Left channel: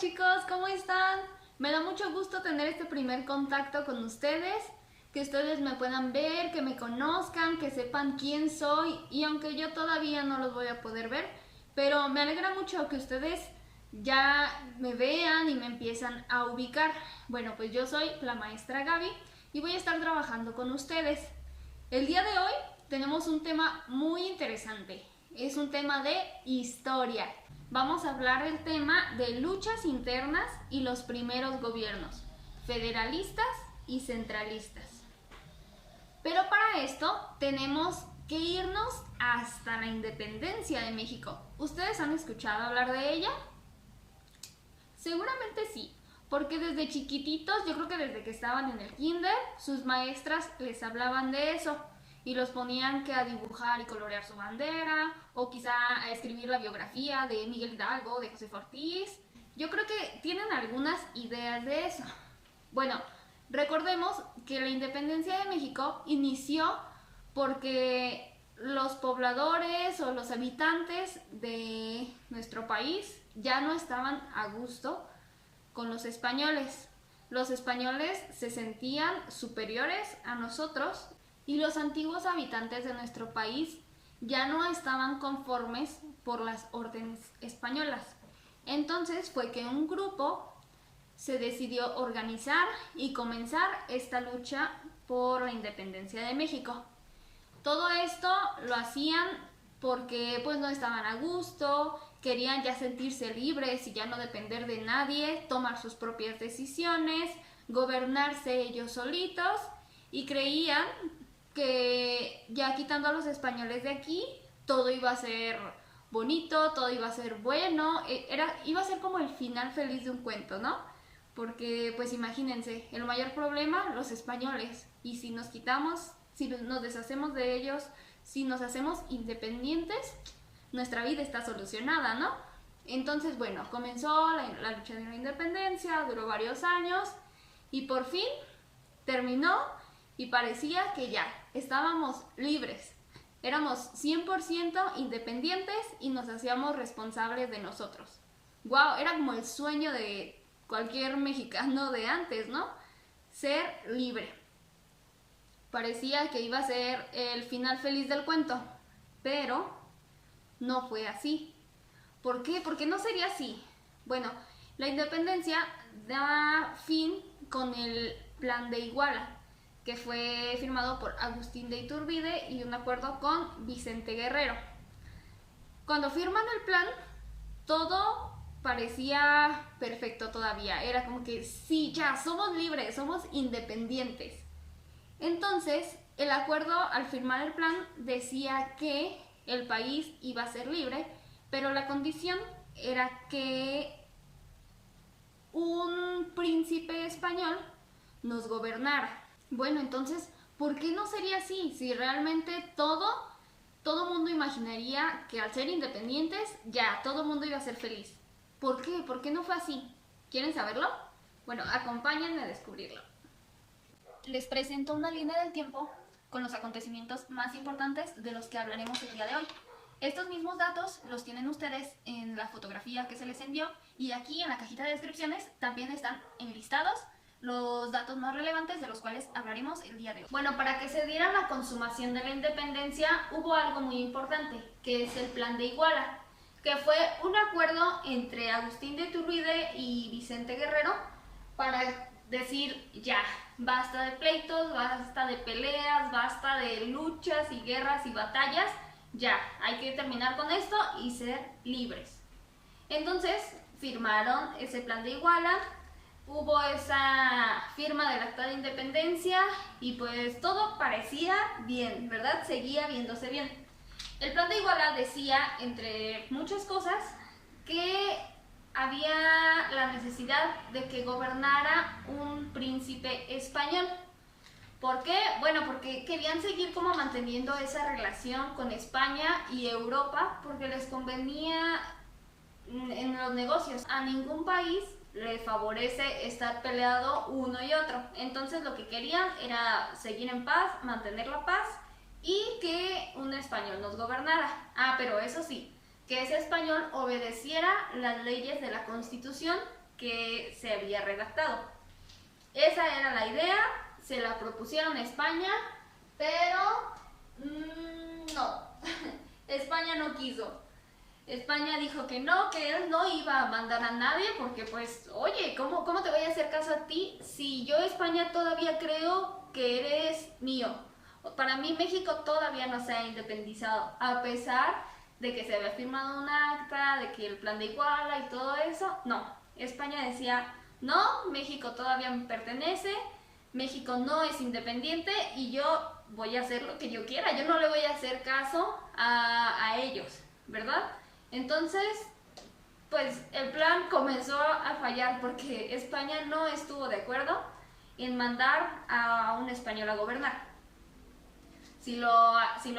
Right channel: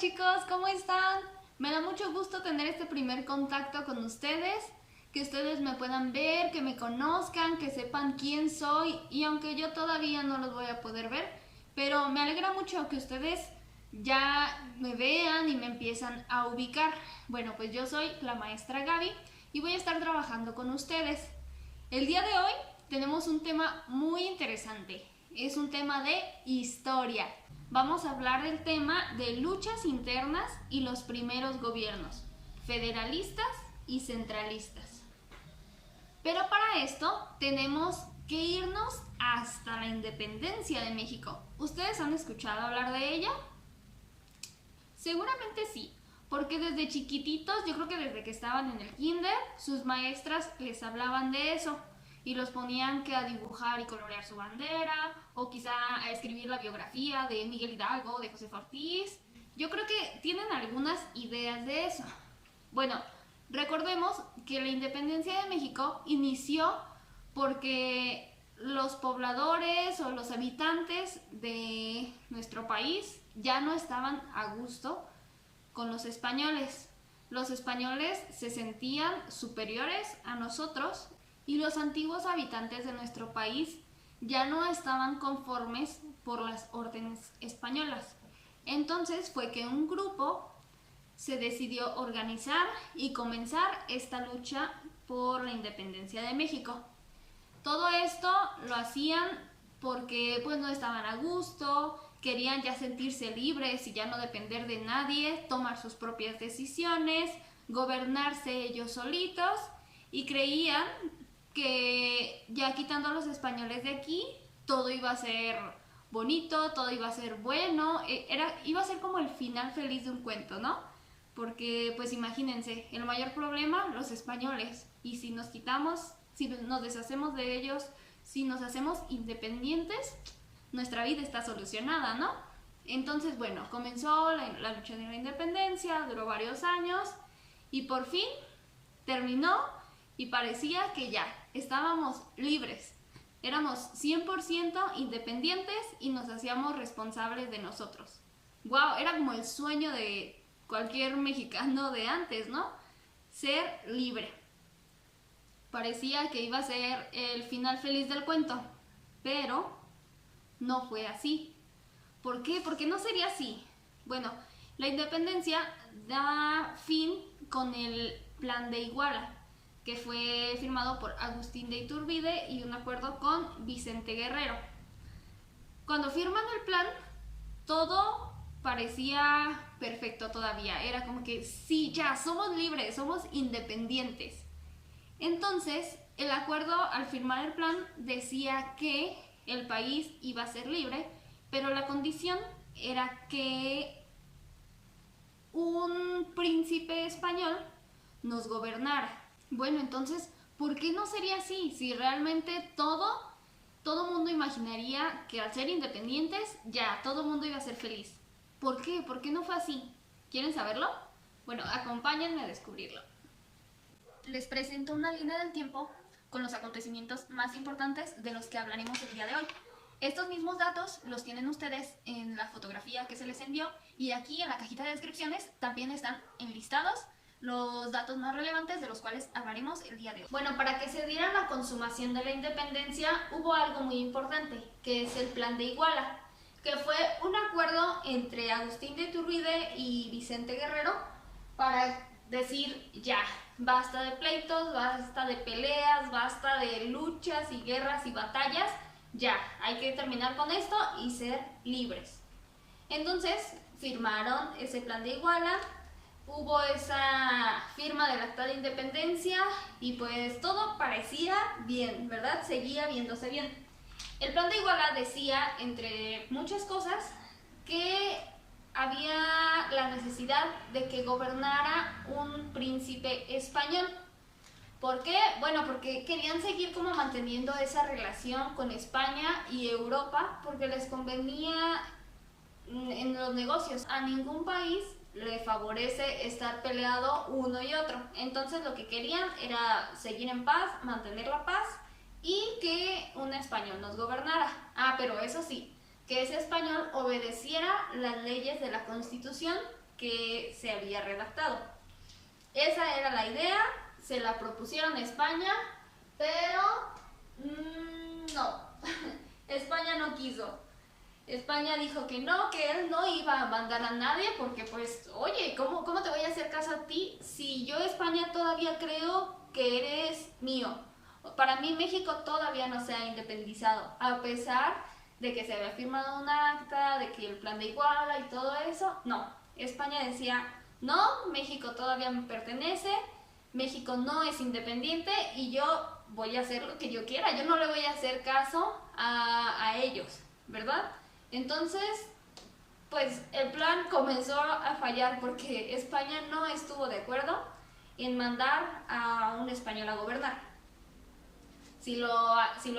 chicos, ¿cómo están? Me da mucho gusto tener este primer contacto con ustedes, que ustedes me puedan ver, que me conozcan, que sepan quién soy y aunque yo todavía no los voy a poder ver, pero me alegra mucho que ustedes ya me vean y me empiezan a ubicar. Bueno, pues yo soy la maestra Gaby y voy a estar trabajando con ustedes. El día de hoy tenemos un tema muy interesante, es un tema de historia. Vamos a hablar del tema de luchas internas y los primeros gobiernos, federalistas y centralistas. Pero para esto tenemos que irnos hasta la independencia de México. ¿Ustedes han escuchado hablar de ella? Seguramente sí, porque desde chiquititos, yo creo que desde que estaban en el kinder, sus maestras les hablaban de eso y los ponían que a dibujar y colorear su bandera o quizá a escribir la biografía de Miguel Hidalgo, de Josefa Ortiz. Yo creo que tienen algunas ideas de eso. Bueno, recordemos que la independencia de México inició porque los pobladores o los habitantes de nuestro país ya no estaban a gusto con los españoles. Los españoles se sentían superiores a nosotros y los antiguos habitantes de nuestro país ya no estaban conformes por las órdenes españolas. Entonces fue que un grupo se decidió organizar y comenzar esta lucha por la independencia de México. Todo esto lo hacían porque pues no estaban a gusto, querían ya sentirse libres y ya no depender de nadie, tomar sus propias decisiones, gobernarse ellos solitos y creían que ya quitando a los españoles de aquí todo iba a ser bonito, todo iba a ser bueno, iba a ser como el final feliz de un cuento, ¿no? Porque pues imagínense, el mayor problema, los españoles, y si nos quitamos, si nos deshacemos de ellos, si nos hacemos independientes, nuestra vida está solucionada, ¿no? Entonces, bueno, comenzó la lucha de la independencia, duró varios años y por fin terminó y parecía que ya estábamos libres. Éramos 100% independientes y nos hacíamos responsables de nosotros. ¡Wow! Era como el sueño de cualquier mexicano de antes, ¿no? Ser libre. Parecía que iba a ser el final feliz del cuento, pero no fue así. ¿Por qué? Porque no sería así. Bueno, la independencia da fin con el Plan de Iguala, que fue firmado por Agustín de Iturbide y un acuerdo con Vicente Guerrero. Cuando firman el plan, todo parecía perfecto todavía. Era como que sí, ya, somos libres, somos independientes. Entonces, el acuerdo al firmar el plan decía que el país iba a ser libre, pero la condición era que un príncipe español nos gobernara. Bueno, entonces, ¿por qué no sería así? Si realmente todo mundo imaginaría que al ser independientes, ya, todo mundo iba a ser feliz. ¿Por qué? ¿Por qué no fue así? ¿Quieren saberlo? Bueno, acompáñenme a descubrirlo. Les presento una línea del tiempo con los acontecimientos más importantes de los que hablaremos el día de hoy. Estos mismos datos los tienen ustedes en la fotografía que se les envió y aquí en la cajita de descripciones también están enlistados los datos más relevantes de los cuales hablaremos el día de hoy. Bueno, para que se diera la consumación de la independencia hubo algo muy importante, que es el Plan de Iguala, que fue un acuerdo entre Agustín de Iturbide y Vicente Guerrero para decir ya, basta de pleitos, basta de peleas, basta de luchas y guerras y batallas, ya, hay que terminar con esto y ser libres. Entonces firmaron ese Plan de Iguala, hubo esa firma del Acta de Independencia y pues todo parecía bien, ¿verdad? Seguía viéndose bien. El Plan de Iguala decía, entre muchas cosas, que había la necesidad de que gobernara un príncipe español. ¿Por qué? Bueno, porque querían seguir como manteniendo esa relación con España y Europa porque les convenía en los negocios. A ningún país le favorece estar peleado uno y otro. Entonces lo que querían era seguir en paz, mantener la paz y que un español nos gobernara. Ah, pero eso sí, que ese español obedeciera las leyes de la Constitución que se había redactado. Esa era la idea, se la propusieron a España, pero no, España no quiso. España dijo que él no iba a mandar a nadie porque pues, oye, ¿cómo te voy a hacer caso a ti si yo España todavía creo que eres mío? Para mí México todavía no se ha independizado, a pesar de que se había firmado un acta, de que el plan de Iguala y todo eso. No, España decía, no, México todavía me pertenece, México no es independiente y yo voy a hacer lo que yo quiera, yo no le voy a hacer caso a ellos, ¿verdad? Entonces, pues el plan comenzó a fallar porque España no estuvo de acuerdo en mandar a un español a gobernar. Si lo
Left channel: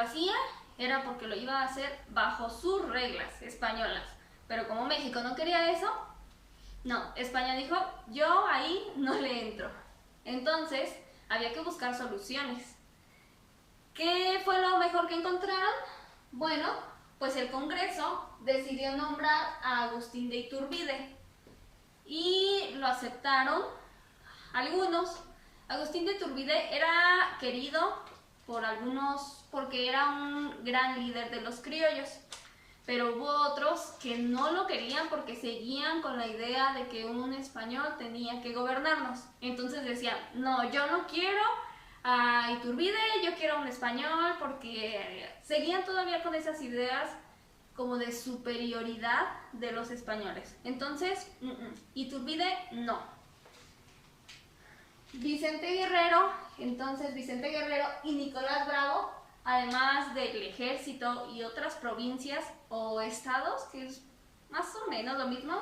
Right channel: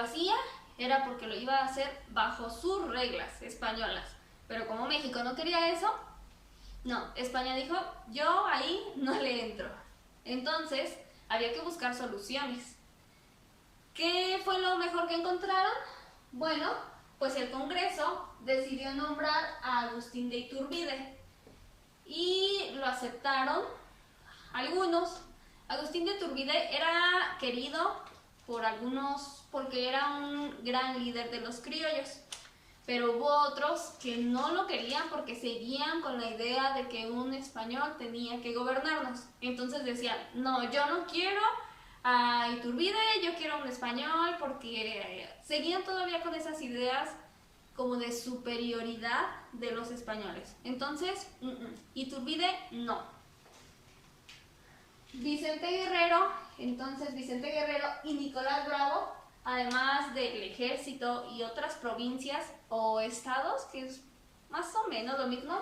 hacía, era porque lo iba a hacer bajo sus reglas españolas. Pero como México no quería eso, no, España dijo, yo ahí no le entro. Entonces, había que buscar soluciones. ¿Qué fue lo mejor que encontraron? Bueno, pues el Congreso decidió nombrar a Agustín de Iturbide y lo aceptaron algunos. Agustín de Iturbide era querido por algunos porque era un gran líder de los criollos, pero hubo otros que no lo querían porque seguían con la idea de que un español tenía que gobernarnos. Entonces decían, no, yo no quiero a Iturbide, yo quiero a un español, porque seguían todavía con esas ideas como de superioridad de los españoles. Entonces, Iturbide no. Vicente Guerrero y Nicolás Bravo, además del ejército y otras provincias o estados, que es más o menos lo mismo,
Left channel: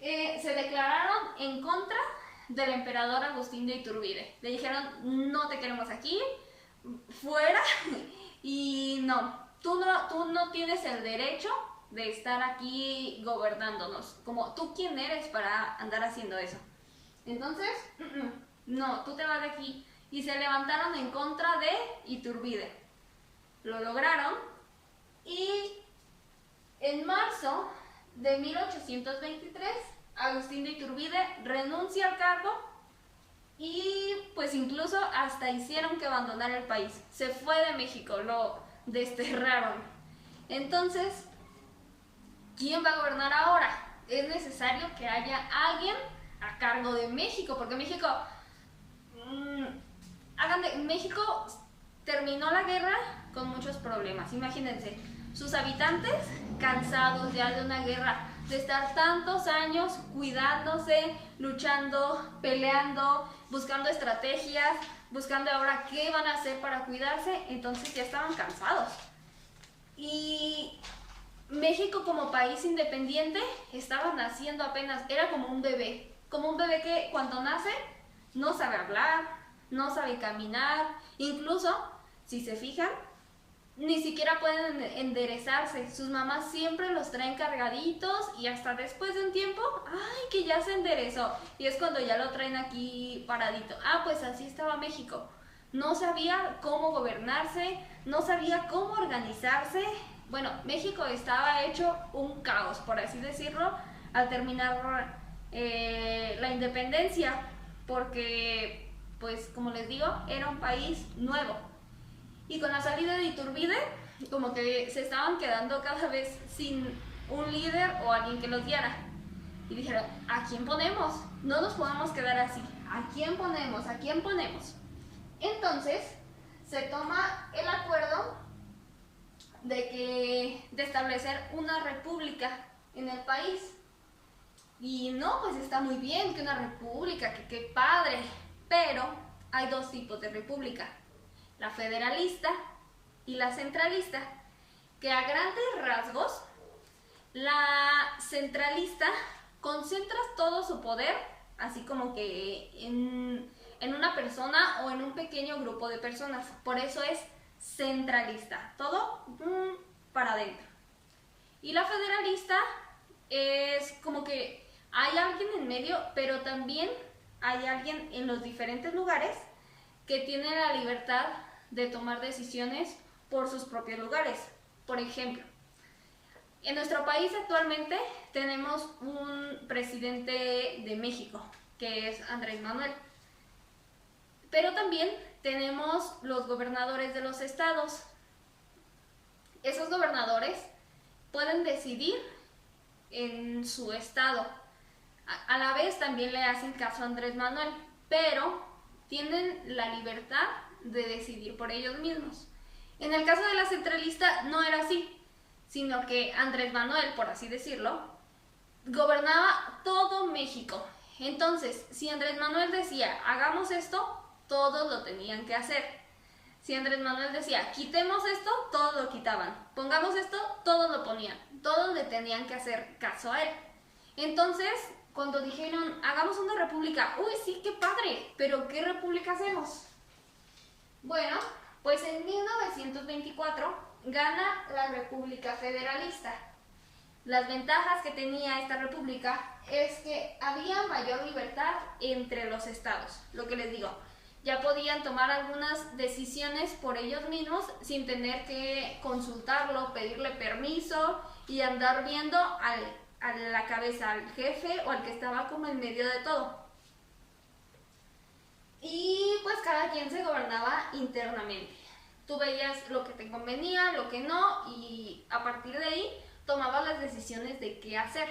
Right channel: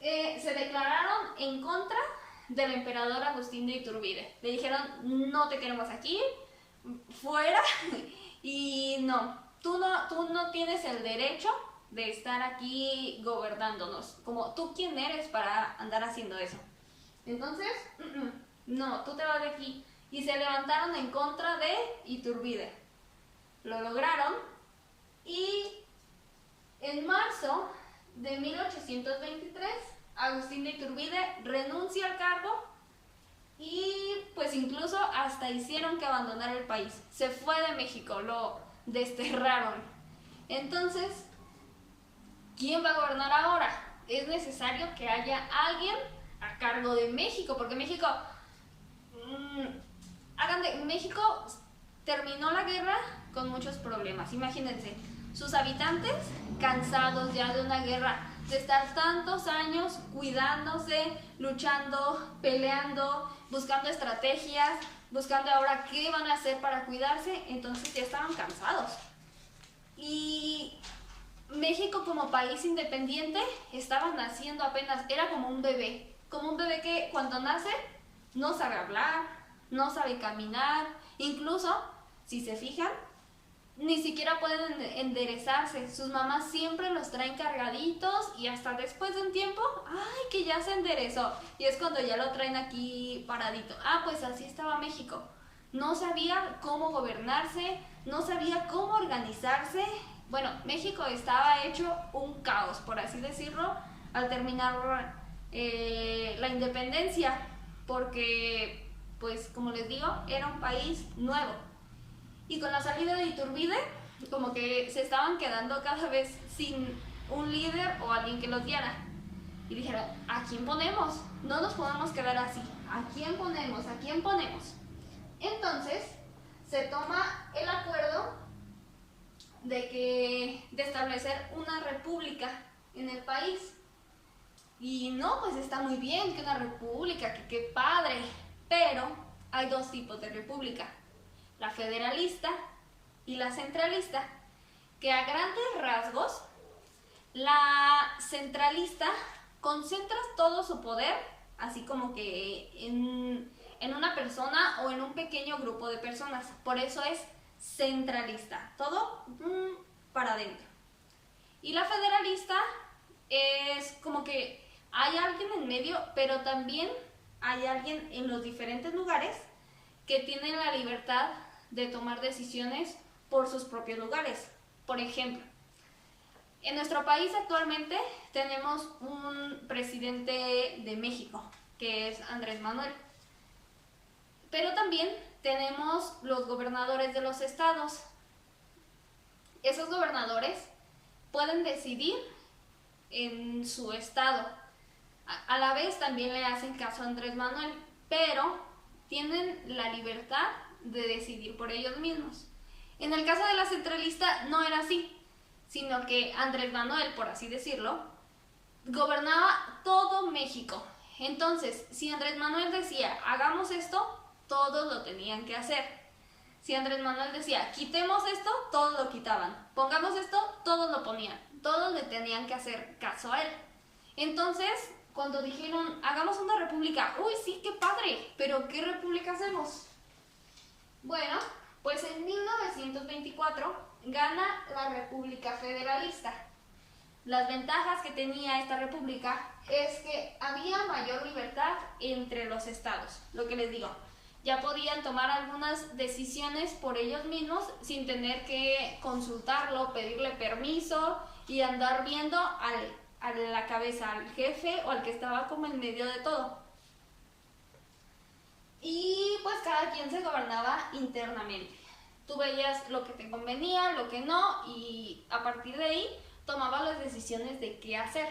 se declararon en contra del emperador Agustín de Iturbide. Le dijeron, no te queremos aquí, fuera, y no, tú no tienes el derecho de estar aquí gobernándonos. Como, ¿tú quién eres para andar haciendo eso? Entonces, no, tú te vas de aquí. Y se levantaron en contra de Iturbide. Lo lograron y en marzo de 1823 Agustín de Iturbide renuncia al cargo y pues incluso hasta hicieron que abandonara el país. Se fue de México, lo desterraron. Entonces, ¿quién va a gobernar ahora? Es necesario que haya alguien a cargo de México, porque México México terminó la guerra con muchos problemas. Imagínense, sus habitantes cansados ya de una guerra, de estar tantos años cuidándose, luchando, peleando, buscando estrategias, buscando ahora qué van a hacer para cuidarse. Entonces ya estaban cansados. Y México como país independiente estaba naciendo apenas, era como un bebé que cuando nace no sabe hablar, no sabe caminar, incluso, si se fijan, ni siquiera pueden enderezarse. Sus mamás siempre los traen cargaditos y hasta después de un tiempo, ¡ay, que ya se enderezó! Y es cuando ya lo traen aquí paradito. Pues así estaba México. No sabía cómo gobernarse, no sabía cómo organizarse. Bueno, México estaba hecho un caos, por así decirlo, al terminar la independencia, porque, pues, como les digo, era un país nuevo. Y con la salida de Iturbide, como que se estaban quedando cada vez sin un líder o alguien que los guiara. Y dijeron, ¿a quién ponemos? No nos podemos quedar así. ¿A quién ponemos? ¿A quién ponemos? Entonces, se toma el acuerdo de establecer una república en el país. Y no, pues está muy bien que una república, que qué padre. Pero hay dos tipos de república: la federalista y la centralista, que a grandes rasgos, la centralista concentra todo su poder, así como que en una persona o en un pequeño grupo de personas. Por eso es centralista, todo para adentro. Y la federalista es como que hay alguien en medio, pero también hay alguien en los diferentes lugares que tiene la libertad de tomar decisiones por sus propios lugares. Por ejemplo, En nuestro país actualmente tenemos un presidente de México, que es Andrés Manuel. Pero también tenemos los gobernadores de los estados. Esos gobernadores pueden decidir en su estado. A la vez también le hacen caso a Andrés Manuel, pero tienen la libertad de decidir por ellos mismos. En el caso de la centralista no era así, sino que Andrés Manuel, por así decirlo, gobernaba todo México. Entonces, si Andrés Manuel decía, hagamos esto, todos lo tenían que hacer. Si Andrés Manuel decía, quitemos esto, todos lo quitaban. Pongamos esto, todos lo ponían. Todos le tenían que hacer caso a él. Entonces, cuando dijeron, hagamos una república, uy, sí, qué padre, pero ¿qué república hacemos? Bueno, pues en 1924 gana la República Federalista. Las ventajas que tenía esta república es que había mayor libertad entre los estados, lo que les digo. Ya podían tomar algunas decisiones por ellos mismos sin tener que consultarlo, pedirle permiso y andar viendo a la cabeza, al jefe o al que estaba como en medio de todo. Y pues cada quien se gobernaba internamente. Tú veías lo que te convenía, lo que no, y a partir de ahí tomabas las decisiones de qué hacer.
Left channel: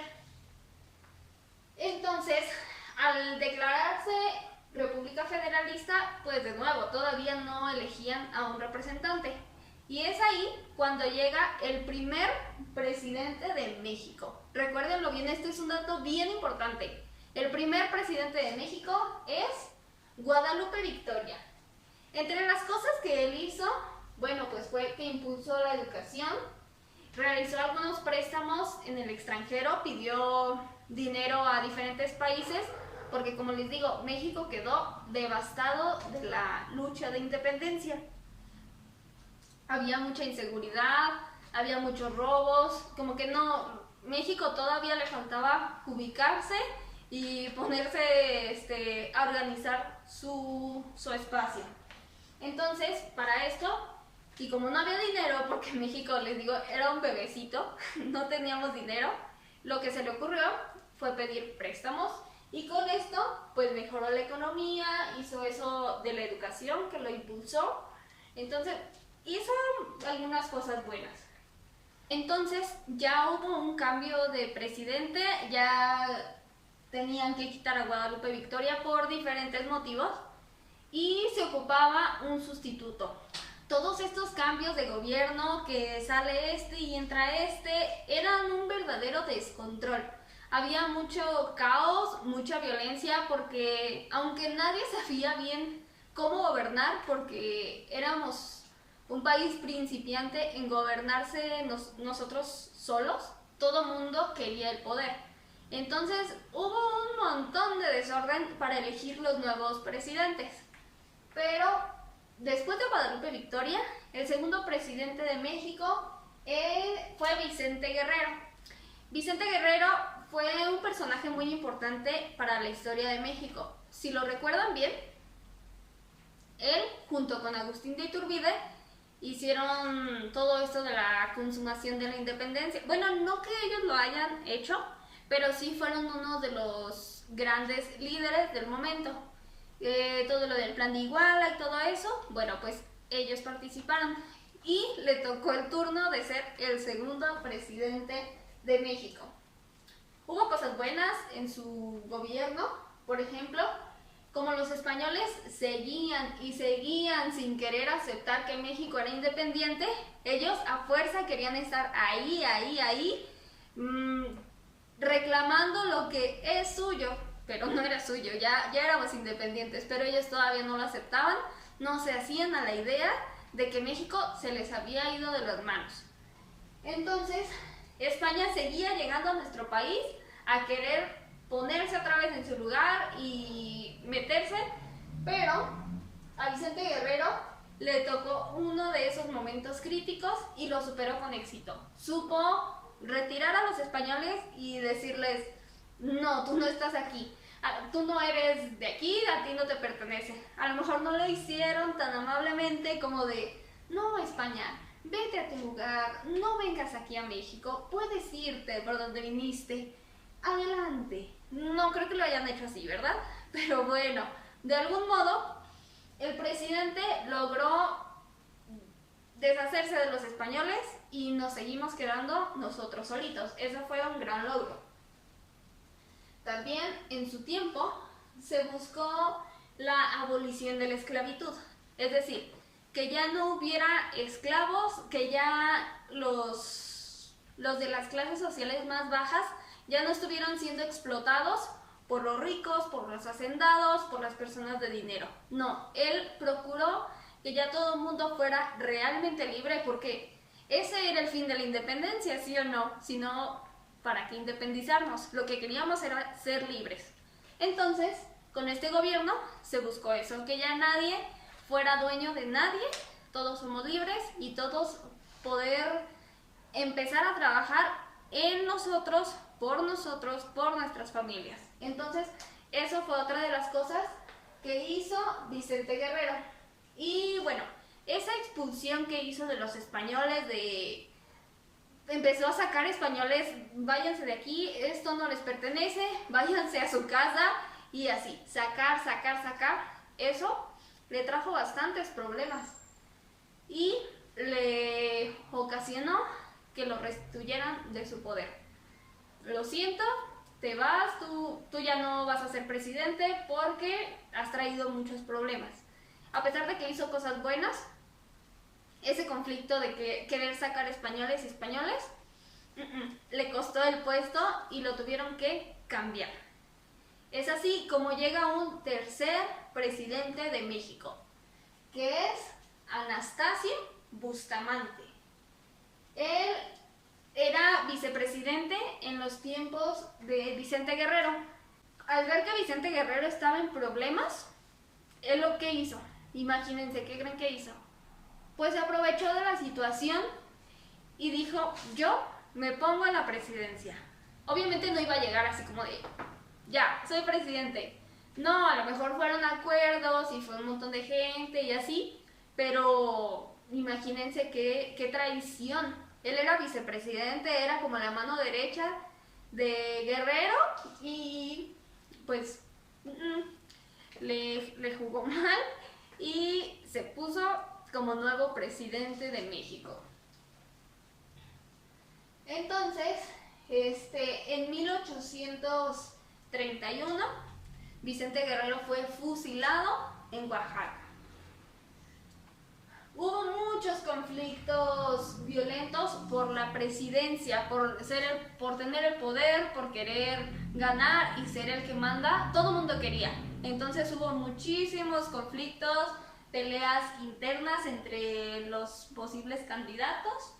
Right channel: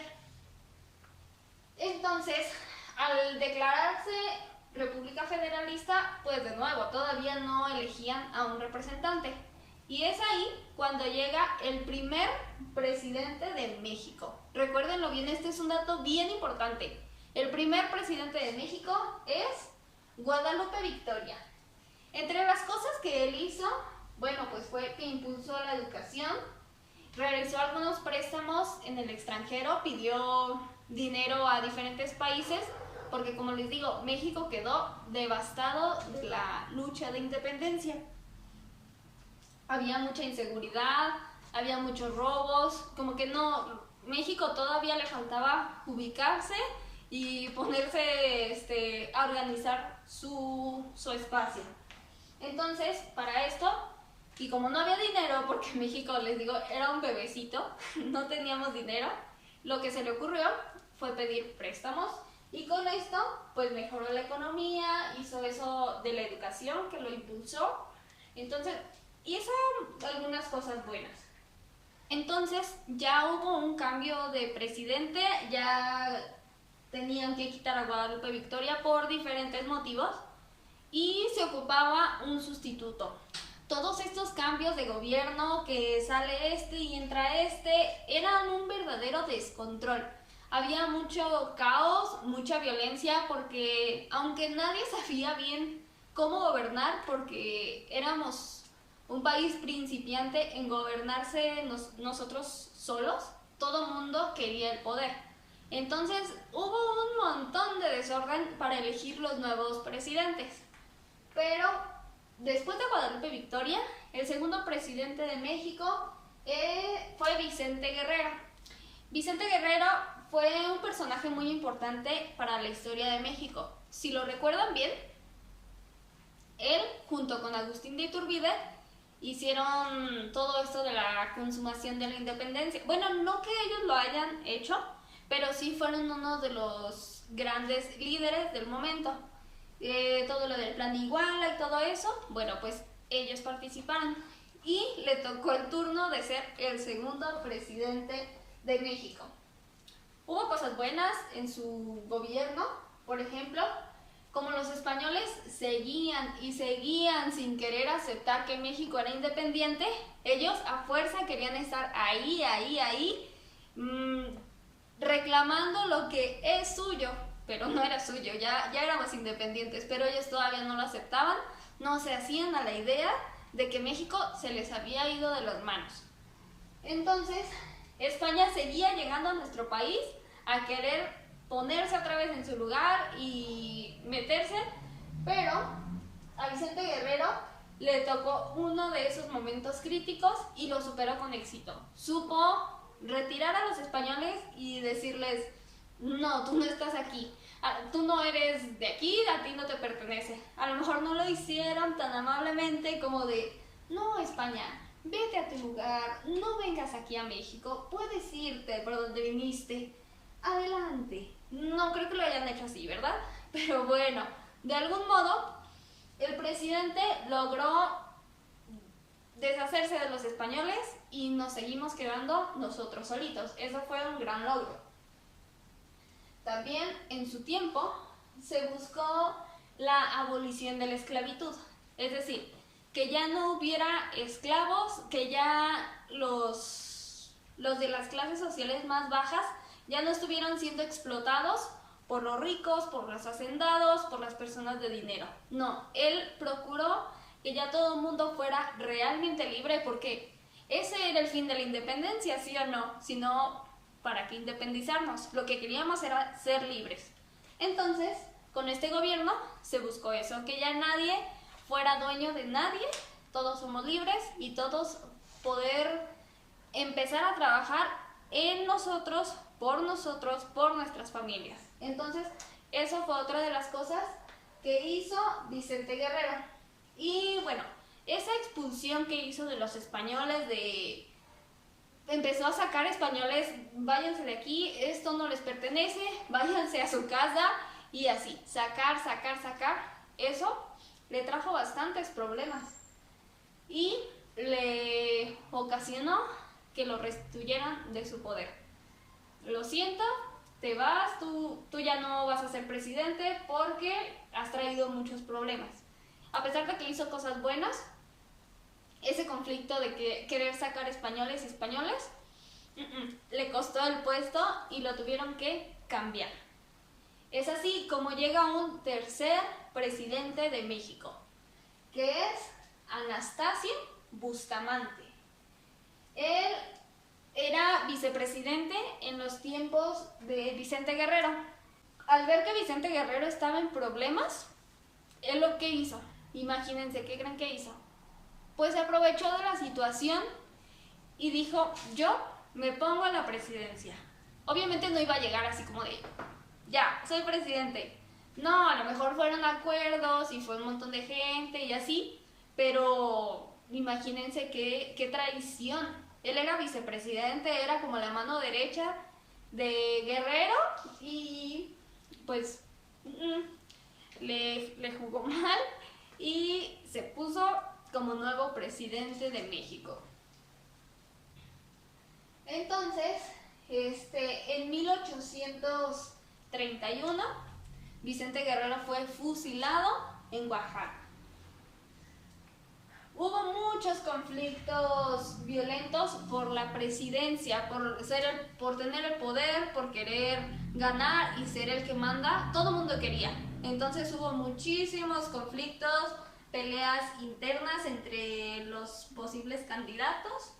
Entonces, al declararse República Federalista, pues de nuevo, todavía no elegían a un representante. Y es ahí cuando llega el primer presidente de México. Recuérdenlo bien, este es un dato bien importante. El primer presidente de México es Guadalupe Victoria. Entre las cosas que él hizo, bueno, pues fue que impulsó la educación, realizó algunos préstamos en el extranjero, pidió dinero a diferentes países, porque como les digo, México quedó devastado de la lucha de independencia. Había mucha inseguridad, había muchos robos, como que no, México todavía le faltaba ubicarse y ponerse a organizar su espacio. Entonces, para esto, y como no había dinero, porque México, les digo, era un bebecito, no teníamos dinero, lo que se le ocurrió fue pedir préstamos. Y con esto, pues mejoró la economía, hizo eso de la educación, que lo impulsó. Entonces, hizo algunas cosas buenas. Entonces, ya hubo un cambio de presidente, ya tenían que quitar a Guadalupe Victoria por diferentes motivos y se ocupaba un sustituto. Todos estos cambios de gobierno, que sale este y entra este, eran un verdadero descontrol. Había mucho caos, mucha violencia, porque aunque nadie sabía bien cómo gobernar, porque éramos un país principiante en gobernarse nosotros solos, todo mundo quería el poder. Entonces hubo un montón de desorden para elegir los nuevos presidentes. Pero después de Guadalupe Victoria, el segundo presidente de México fue Vicente Guerrero. Vicente Guerrero fue un personaje muy importante para la historia de México. Si lo recuerdan bien, él junto con Agustín de Iturbide hicieron todo esto de la consumación de la independencia. Bueno, no que ellos lo hayan hecho, pero sí fueron uno de los grandes líderes del momento. Todo lo del plan de Iguala y todo eso, bueno, pues ellos participaron y le tocó el turno de ser el segundo presidente de México. Hubo cosas buenas en su gobierno, por ejemplo, como los españoles seguían y seguían sin querer aceptar que México era independiente, ellos a fuerza querían estar ahí, reclamando lo que es suyo, pero no era suyo, ya éramos independientes, pero ellos todavía no lo aceptaban, no se hacían a la idea de que México se les había ido de las manos. Entonces, España seguía llegando a nuestro país a querer ponerse otra vez en su lugar y meterse, pero a Vicente Guerrero le tocó uno de esos momentos críticos y lo superó con éxito. Supo retirar a los españoles y decirles, no, tú no estás aquí, tú no eres de aquí, a ti no te pertenece. A lo mejor no lo hicieron tan amablemente como de, no, España, vete a tu lugar, no vengas aquí a México, puedes irte por donde viniste, adelante. No creo que lo hayan hecho así, ¿verdad? Pero bueno, de algún modo, el presidente logró deshacerse de los españoles y nos seguimos quedando nosotros solitos. Eso fue un gran logro. También en su tiempo se buscó la abolición de la esclavitud, es decir, que ya no hubiera esclavos, que ya los de las clases sociales más bajas ya no estuvieran siendo explotados por los ricos, por los hacendados, por las personas de dinero. No, él procuró que ya todo el mundo fuera realmente libre, porque ese era el fin de la independencia, ¿sí o no? Sino, ¿para qué independizarnos? Lo que queríamos era ser libres. Entonces, con este gobierno se buscó eso, que ya nadie fuera dueño de nadie, todos somos libres y todos poder empezar a trabajar en nosotros, por nuestras familias. Entonces, eso fue otra de las cosas que hizo Vicente Guerrero. Y bueno, esa expulsión que hizo de los españoles, empezó a sacar españoles, váyanse de aquí, esto no les pertenece, váyanse a su casa, y así, sacar, eso le trajo bastantes problemas y le ocasionó que lo restituyeran de su poder. Lo siento, te vas, tú ya no vas a ser presidente porque has traído muchos problemas. A pesar de que hizo cosas buenas, ese conflicto de querer sacar españoles, le costó el puesto y lo tuvieron que cambiar. Es así como llega un tercer presidente de México, que es Anastasio Bustamante. Él era vicepresidente en los tiempos de Vicente Guerrero. Al ver que Vicente Guerrero estaba en problemas, él lo que hizo, imagínense, ¿qué creen que hizo? Pues se aprovechó de la situación y dijo, yo me pongo en la presidencia. Obviamente no iba a llegar así como de, ya, soy presidente. No, a lo mejor fueron acuerdos y fue un montón de gente y así, pero imagínense qué traición. Él era vicepresidente, era como la mano derecha de Guerrero y pues le jugó mal y se puso como nuevo presidente de México. Entonces, en 1831, Vicente Guerrero fue fusilado en Oaxaca. Hubo muchos conflictos violentos por la presidencia, por tener el poder, por querer ganar y ser el que manda. Todo el mundo quería. Entonces hubo muchísimos conflictos, peleas internas entre los posibles candidatos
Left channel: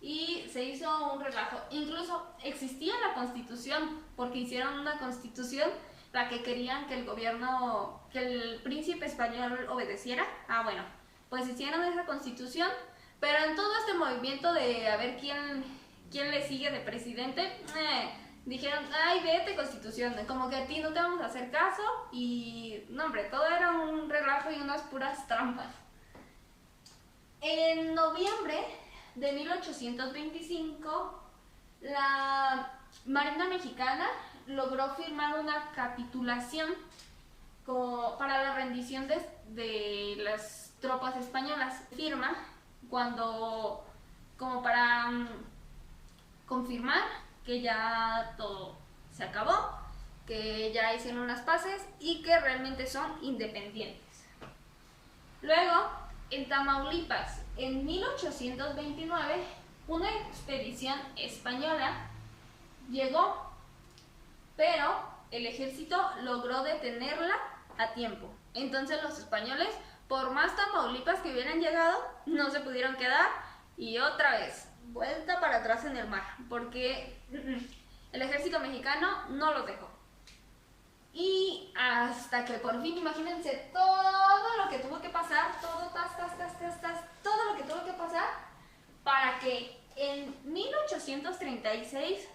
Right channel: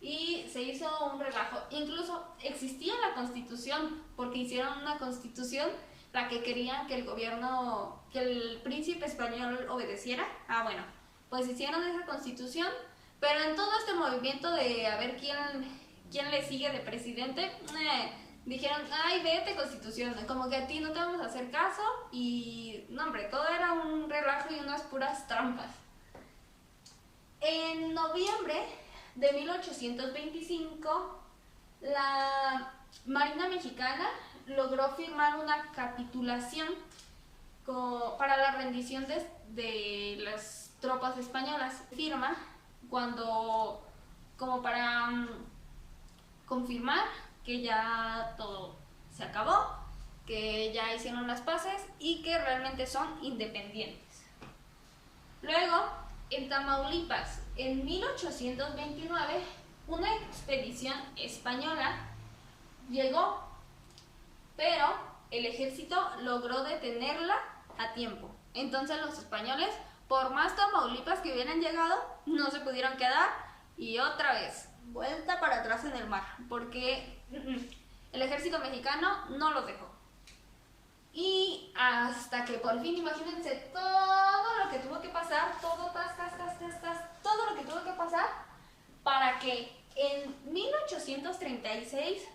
y se hizo un relajo. Incluso existía la Constitución, porque hicieron una Constitución la que querían que el gobierno, que el príncipe español obedeciera. Pues hicieron esa Constitución, pero en todo este movimiento de a ver quién le sigue de presidente, dijeron, ay, vete Constitución, como que a ti no te vamos a hacer caso, y no, hombre, todo era un relajo y unas puras trampas. En noviembre de 1825, la Marina Mexicana logró firmar una capitulación para la rendición de las tropas españolas. Firma como para confirmar que ya todo se acabó, que ya hicieron las paces y que realmente son independientes. Luego, en Tamaulipas, en 1829, una expedición española llegó, pero el ejército logró detenerla a tiempo. Entonces los españoles, por más Tamaulipas que hubieran llegado, no se pudieron quedar y otra vez, vuelta para atrás en el mar, porque el ejército mexicano no los dejó. Y hasta que por fin, imagínense todo lo que tuvo que pasar, todo lo que tuvo que pasar para que en 1836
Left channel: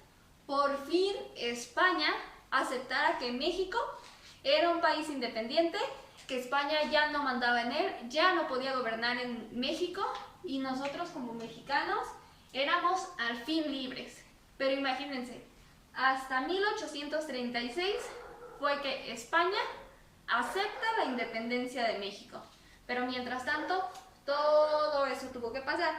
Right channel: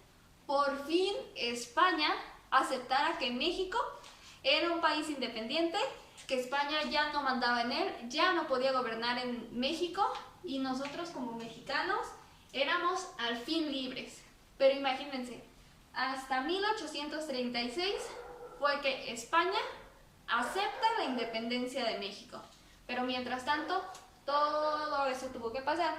por fin España aceptara que México era un país independiente, que España ya no mandaba en él, ya no podía gobernar en México y nosotros como mexicanos éramos al fin libres. Pero imagínense, hasta 1836 fue que España acepta la independencia de México. Pero mientras tanto, todo eso tuvo que pasar.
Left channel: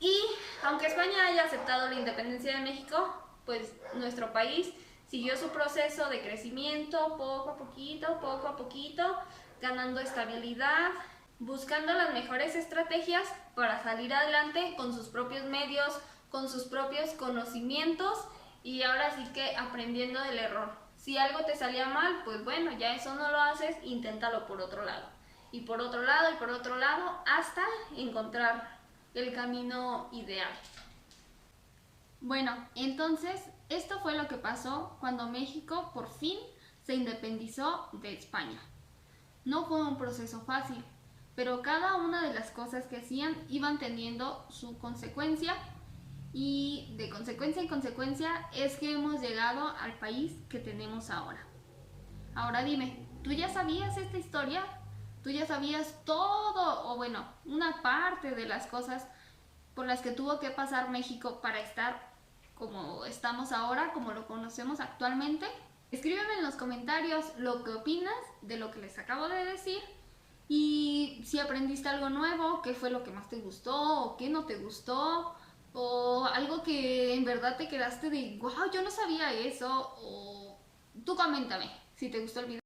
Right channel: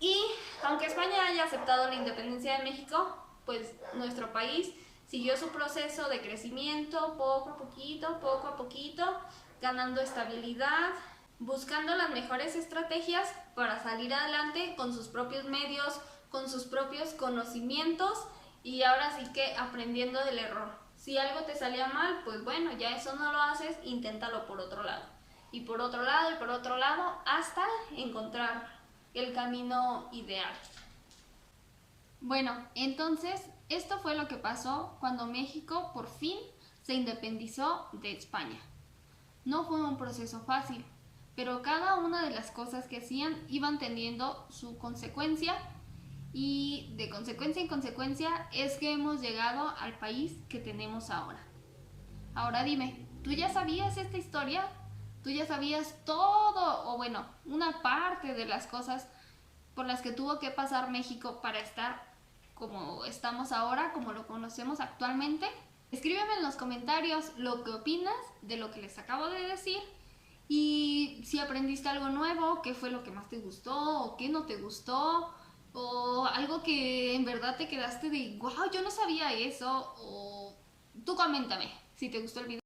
Y aunque España haya aceptado la independencia de México, pues nuestro país siguió su proceso de crecimiento poco a poquito, ganando estabilidad, buscando las mejores estrategias para salir adelante con sus propios medios, con sus propios conocimientos y ahora sí que aprendiendo del error. Si algo te salía mal, pues bueno, ya eso no lo haces, inténtalo por otro lado. Y por otro lado, y por otro lado, hasta encontrar el camino ideal. Bueno, entonces esto fue lo que pasó cuando México por fin se independizó de España. No fue un proceso fácil, pero cada una de las cosas que hacían iban teniendo su consecuencia y de consecuencia en consecuencia es que hemos llegado al país que tenemos ahora. Ahora dime, ¿tú ya sabías esta historia? ¿Tú ya sabías todo o bueno, una parte de las cosas por las que tuvo que pasar México para estar como estamos ahora, como lo conocemos actualmente? Escríbeme en los comentarios lo que opinas de lo que les acabo de decir y si aprendiste algo nuevo, qué fue lo que más te gustó o qué no te gustó o algo que en verdad te quedaste de wow, yo no sabía eso o tú coméntame si te gustó el video.